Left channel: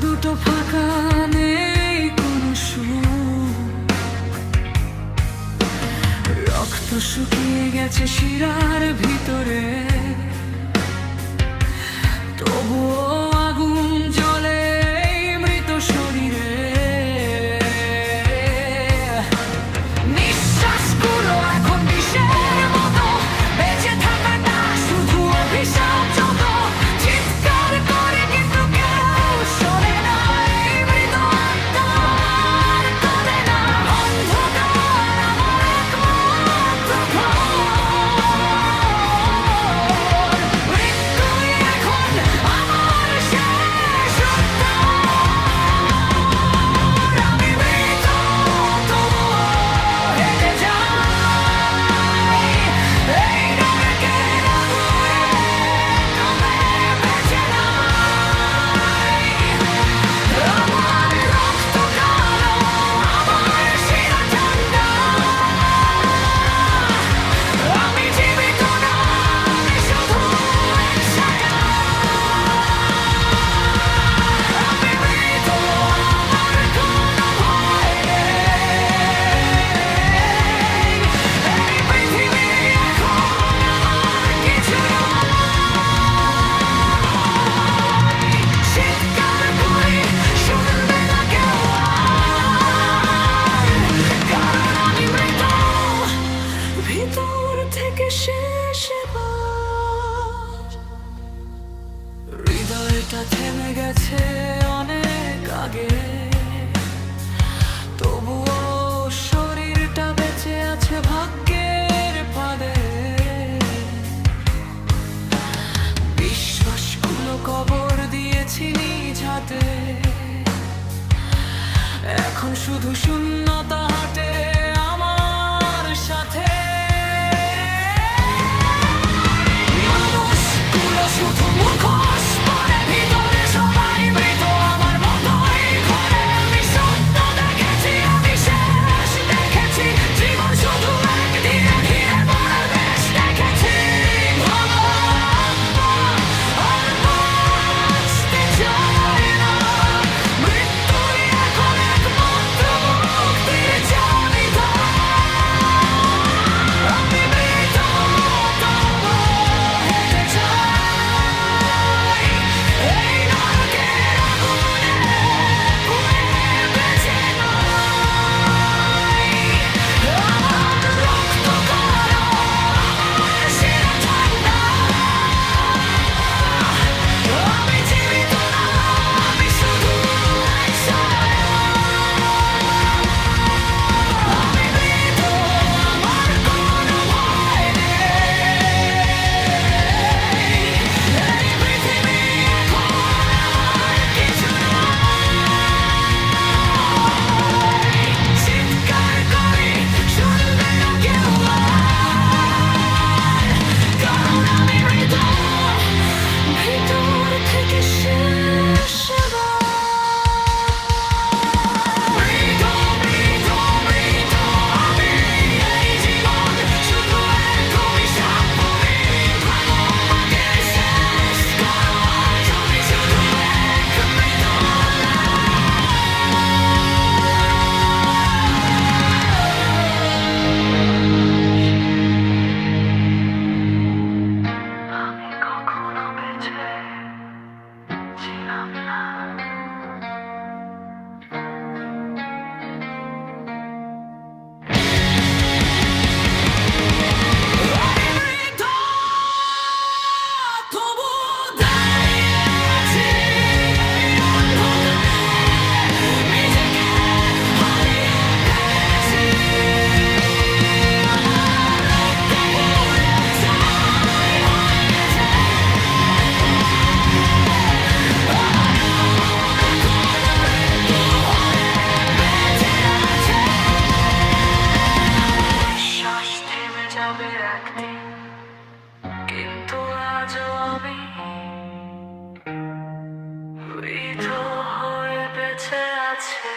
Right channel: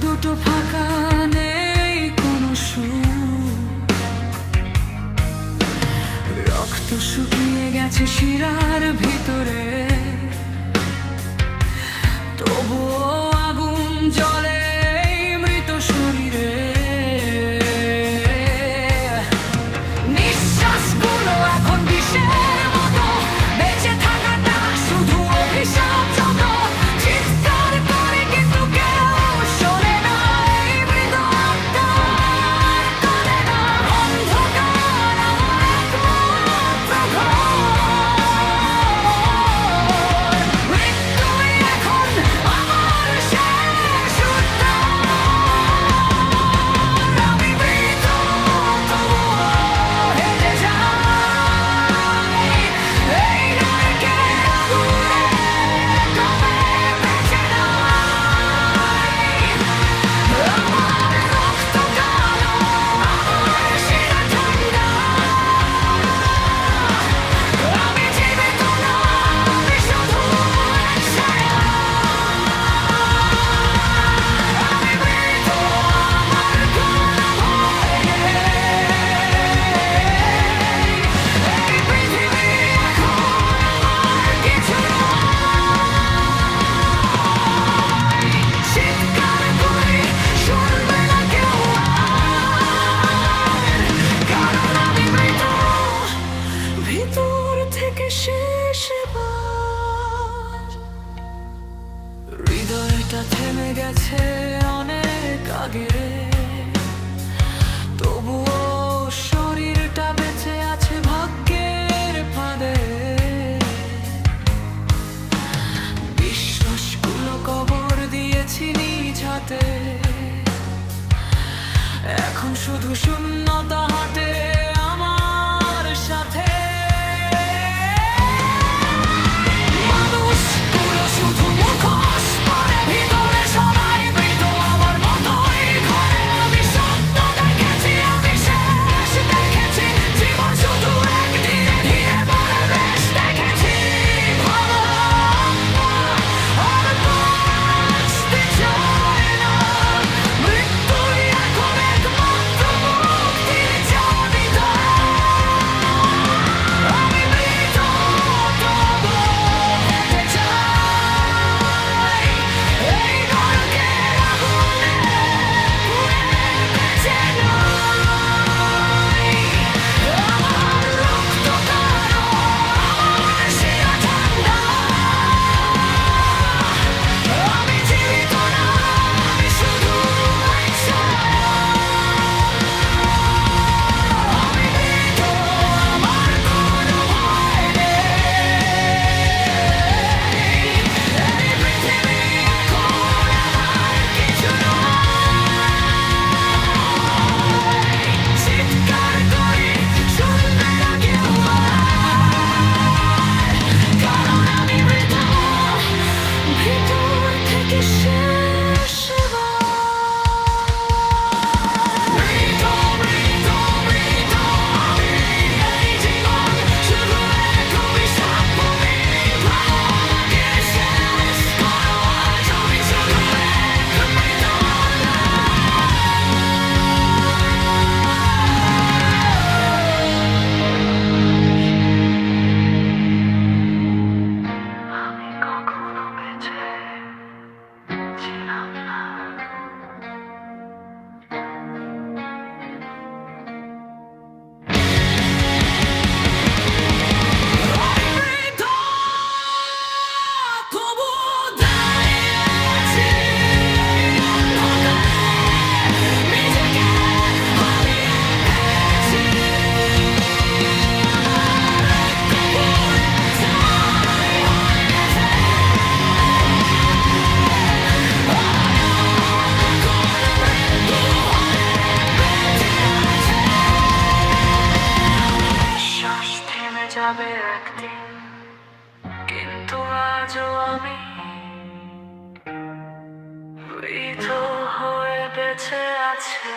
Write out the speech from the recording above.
দুটো ফাঁকা, নেই কোনো সুর। রক্ত শুকিয়ে গেছে শিরার ভিতরে, তবুও আগুন জ্বলে এই মৃত শরীরে। নিঃশ্বাসগুলো এখন বিষের মতো, বেঁচে থাকাটা শুধু অভিশাপ। যত চিৎকার করে কিন্তু কেউ শোনে না, এই মৃত আত্মার কাঁদে না। অন্ধকার আমার একমাত্র ঘর, মৃত্যুই এখন আমার শেষ উদ্ধার। আমি মৃত তবুও হেঁটে যাই এই নরকের আগুনে, কমে বেঁচে নাই। আমার রক্ত কালো, আমার শিরা ঠান্ডা। আমি জীবিত না, আমি শুধু এক ছায়া। আমি মৃত, আমার কোনো ভয় নেই। এই পৃথিবী এখন আমার কিছু নয়। চিৎকার করি, শুনবে না কেউ আর, কারণ আমি মৃত ভিতর থেকে শেষ বার। হৃদয়টা থেমে গেছে অনেক আগে, তবুও শরীরটা বেঁচে আছে ভাগ্যের ফাঁদে। বিশ্বাসগুলো কবর দিয়েছি নিজ হাতে, এখন শুধু শূন্যতা হাঁটে আমার সাথে। মানুষগুলো শুধু মুখোশ পরে, ভিতরে সবাই মৃত আমার মতোই ঘরে। আমি সত্য দেখেছি, আমি শেষ দেখেছি, জীবন শুধু এক ধীরে ধীরে মরার রেশ দেখেছি। ভাঙা আত্মা আর বাঁচতে চায় না, মৃত্যুই এখন একমাত্র মুক্তির চাবিকাঠি। আমি মৃত তবুও হেঁটে যাই এই নরকের আগুনে, পুড়ে বেঁচে নাই। আমার রক্ত কালো, আমার শিরা ঠান্ডা। আমি জীবিত না, আমি শুধু এক ছায়া। আমি মৃত, আমার কোনো ভয় নেই। এই পৃথিবী এখন আমার কিছু নয়। চিৎকার করি, শুনবে না কেউ আর, কারণ আমি মৃত ভিতর থেকে শেষ বার। মৃত, মৃত, মৃত আমি। এই জীবন শুধু এক অভিশাপ। তুমি ভাঙো আমাকে, শেষ করো আজ। আমি শুধু এক মৃত লাশ। আমি কখনো বেঁচে ছিলাম না। আমি মৃত তবুও দাঁড়িয়ে আছি এই অন্ধকারে, নিজেকে হারিয়ে ফেলেছি। আমার রক্ত পুড়ে ছাই হয়ে গেছে, আমার এখন মৃত্যু হয়ে বেঁচে আছে। বিশ্বাস থেমে যাবে একদিন, কিন্তু আজও আমি মৃত হয়ে বেঁচে আছে।